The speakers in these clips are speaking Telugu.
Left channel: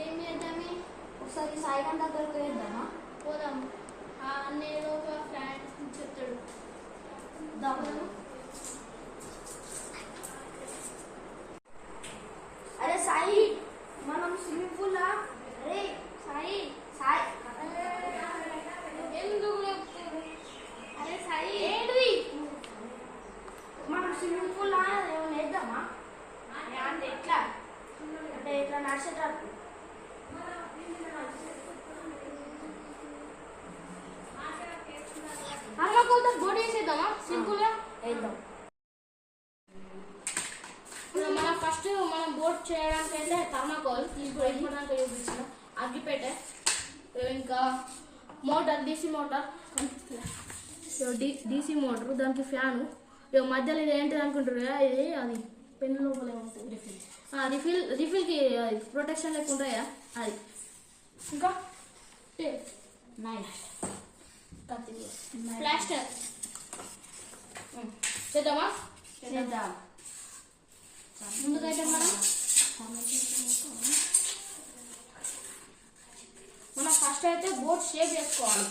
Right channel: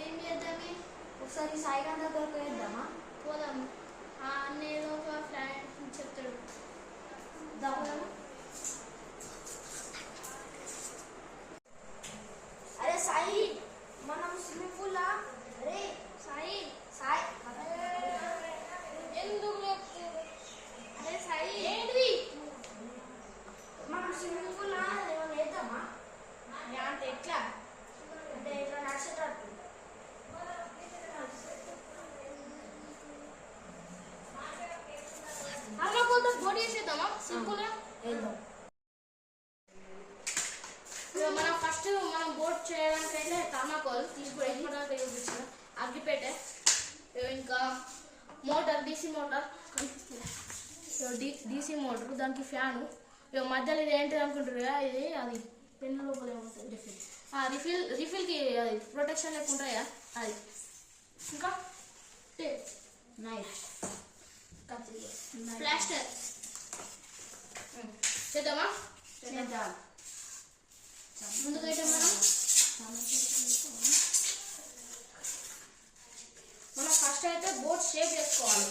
ఏం చేద్దామే ఒకసారి సాయిరాం దగ్గరకు వేద్దామా పోదాం అన్న ఏదో ఒక ప్లాన్ చెప్తాడు దామా అరే సాయి మనం స్విమ్మింగ్ పూల్ లా అరే సాయి సాయి ఎందుకు లేపుతారు అరే సాయి ఏంటిది మనం స్విమ్మింగ్ పూల్ లా ఏమైనా వేద్దామా అంటే ఎట్లా అంటే ఎట్లా నడిచేటట్టు అమ్మ కొంత బోట్ వేసేద్దామా సింపుల్ గా వేద్దాం మనం ఫస్ట్ మనం బోట్ చేయడానికి అయితే థర్మాకోల్ తీసుకోవడానికి చూపించిన అగ్గిపెట్టె ఇంకా motor DC motor DC motor దానికి ఫ్యాను మధ్యలో ఇది ఏంటిది అనుకుంటారు కదా ఇది అది పెన్ను లోపల ఉంటుంది రిఫిల్కి అది ప్రొటెక్షన్ లెక్క ఉంటాయా అది ఇంకా నైఫ్ ప్లాస్టర్ చేద్దామా చేద్దాం ముందుకైతే మనం ఫస్ట్ అయితే బోట్ షేప్ చేసుకోవాలి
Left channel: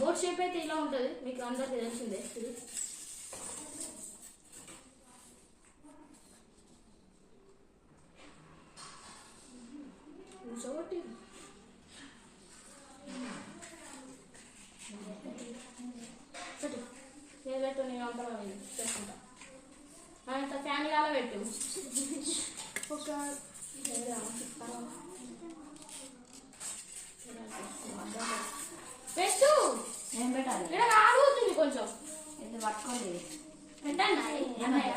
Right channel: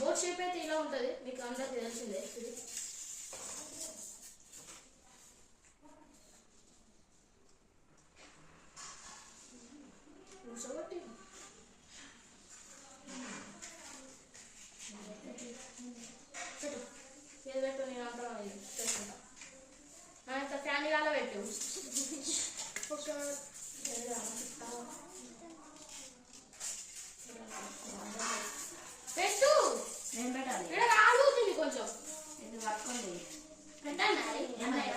బోట్ షేప్ అయితే ఇలా ఉంటుంది మీకు అందరికీ తెలిసిందే ఇది పెట్టు నేను అంతా చేసుకుంటా అంత ఫ్యాన్ కాల పెట్టు ఒక పెట్టు నేను పెట్టాలి రాబోతుంది కొంచెం ఇది పట్టుకోండి పెట్టండి అన్నయ్య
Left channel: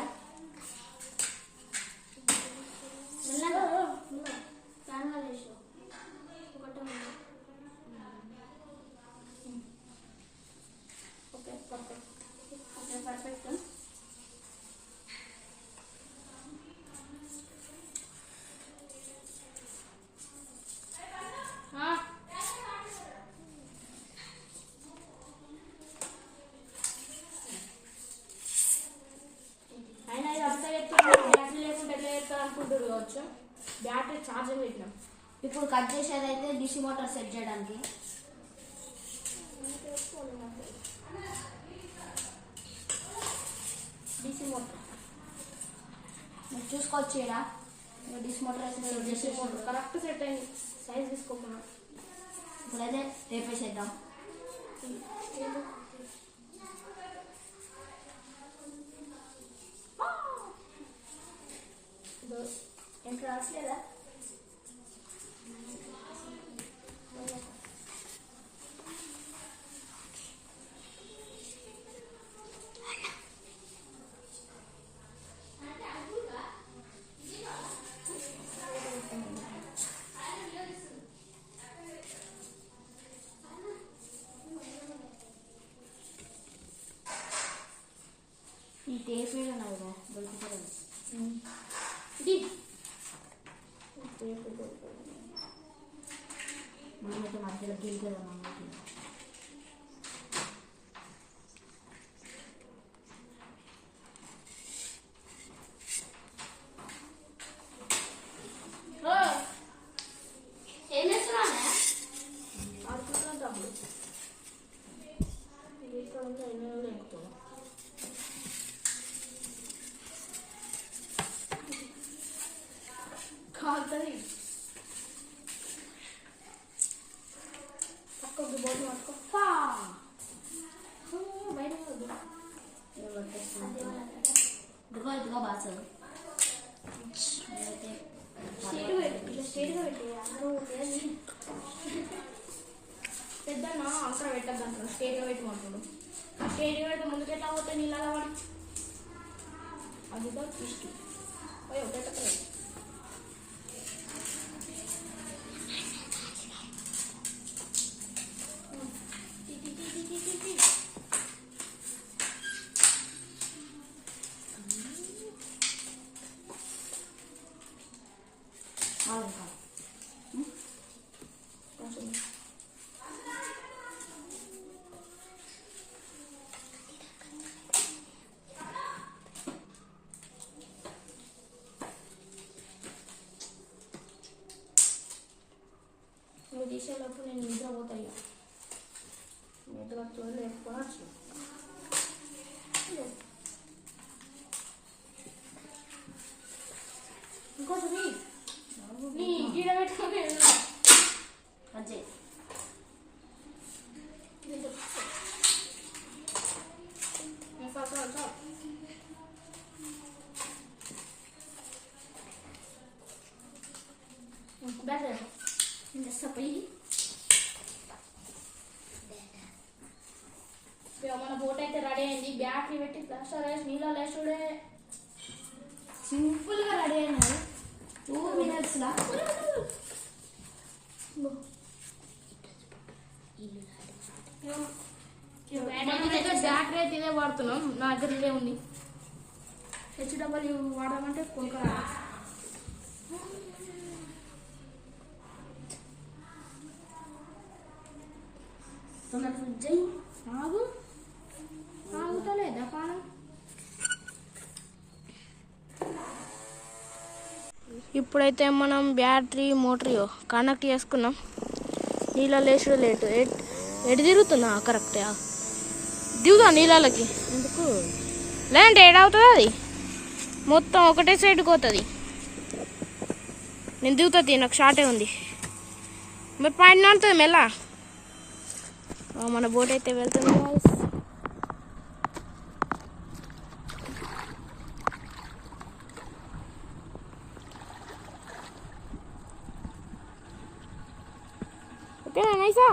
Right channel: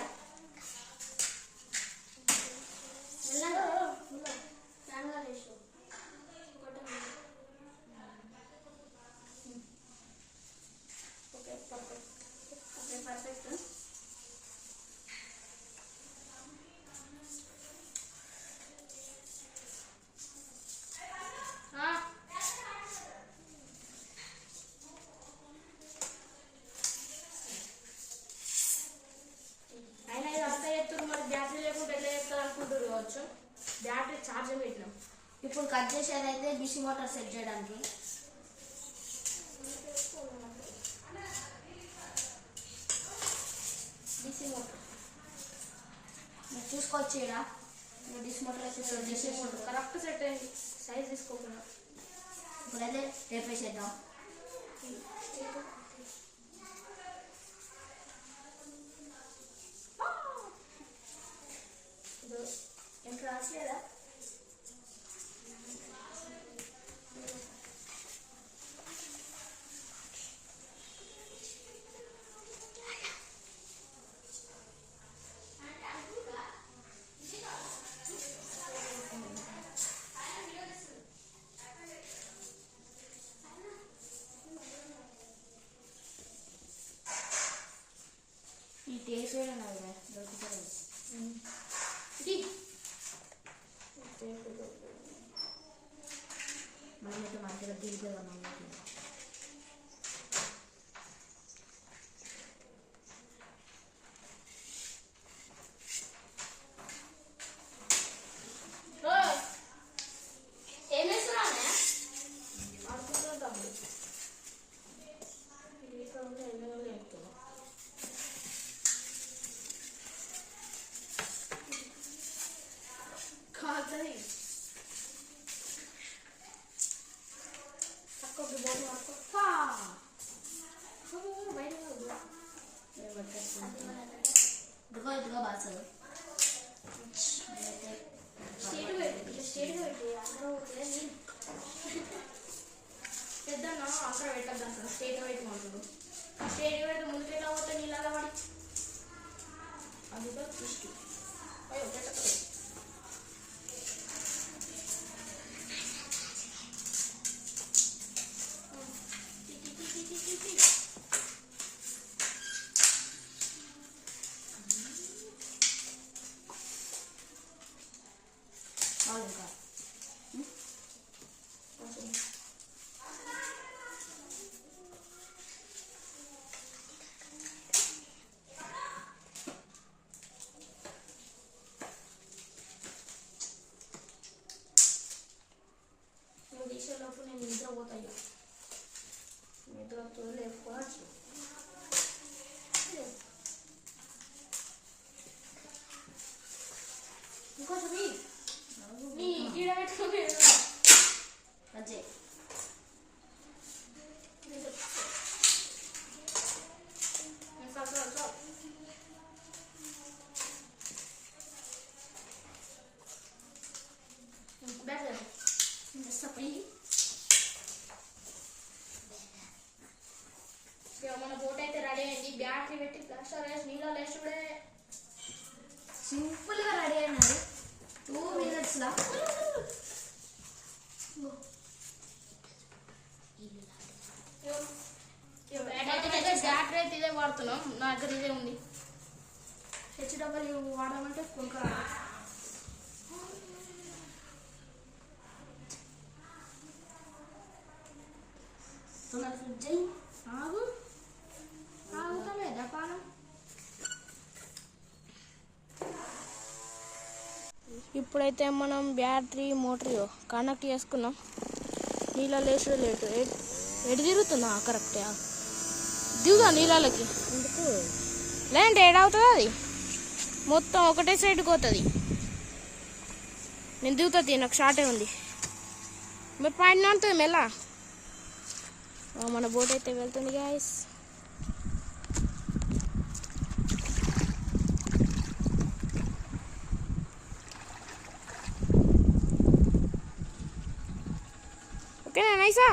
ఫ్యాన్ కాల వేసు ఓకే పర్ఫెక్ట్ ఓకే పర్ఫెక్ట్ అయినా ఇది అంతా చెప్తున్నారు బ్యాటరీ లేకుండా ఎట్లా చెప్తారు అనుకుంటారు కావచ్చు బ్యాటరీ ఛార్జర్ పెట్టినాం ఇప్పుడు కట్ చేసేది అయితే డిసి మోటార్ సెట్ చేయడానికి డీసీ మోటార్ మీరు చూసుకోవచ్చు ఇక్కడ DC motor DC motor correct set అయింది సైజ్ తీసుకోకుండా ఇప్పుడైతే టేప్ వేసేద్దాం ఎంత రాసలేదా ఈ టేప్ వేయడం దొరుకుతుంది ఇది మనమైతే మధ్యలో గెలిచేదాం అన్నట్టు ఏం చేస్తున్నానే ఆడుకుంటున్నా తమ్ముడు ఇది ఇక్కడ ఉంది ఎన్నో ఎక్కువ కాదు అక్కడికి బోర్డు అక్క బయట ఇదిగో ఇదిగో బాసు స్టేట్గా పెట్టి అందరూ పెద్ద అక్కడ పెట్టద్దు అంటారు స్టేట్గా పెట్టమంటాడు స్టేట్గా పెడితే ముందుకెట్లా అవుతాయి నీళ్ళు పడి అదిగా తీసుకు అయ్యో పెట్టలేదు ఇంకా లేచేలోపు నేను నిద్రపోతాయి నిద్రతో లేకపోవచ్చు ఇంకోటి నీ గీడ పెట్టుకొని అజయ్ better. మన బోట్ అయితే రెడీ అయింది బ్యాటరీ పెట్టి ప్లాస్టర్ వేసి నీళ్ళ లేచుడే సింపుల్ గా రెడీ అయినారు 2 minutes లా బ్యాటరీ అయితే ఇదే వాడుతున్నాం నా దగ్గర ఇదే ఉంది HW వాడమంటే కొంక ఆగు ఆగుతలేదా పానం ఇప్పుడైతే మనం బ్యాటరీ మోటార్ కనెక్ట్ చేసుకున్నాం నీళ్ళ లేచుడు లేటు ఎటు తిరుగుతున్నా కరెక్ట్ దిగుదా నీళ్ళకి ఎందుకు లేదంటే ఏడవుతుంది అది మొత్తం ఒకటే సైడ్కి పోతుంది నేను దిగుతుంది నాకు షార్టే ఉంది మరి పైన ఉంటుంది మెల్ల మన బోట్ అయితే వెళ్తుంది గైస్ ఓకేనా నైసా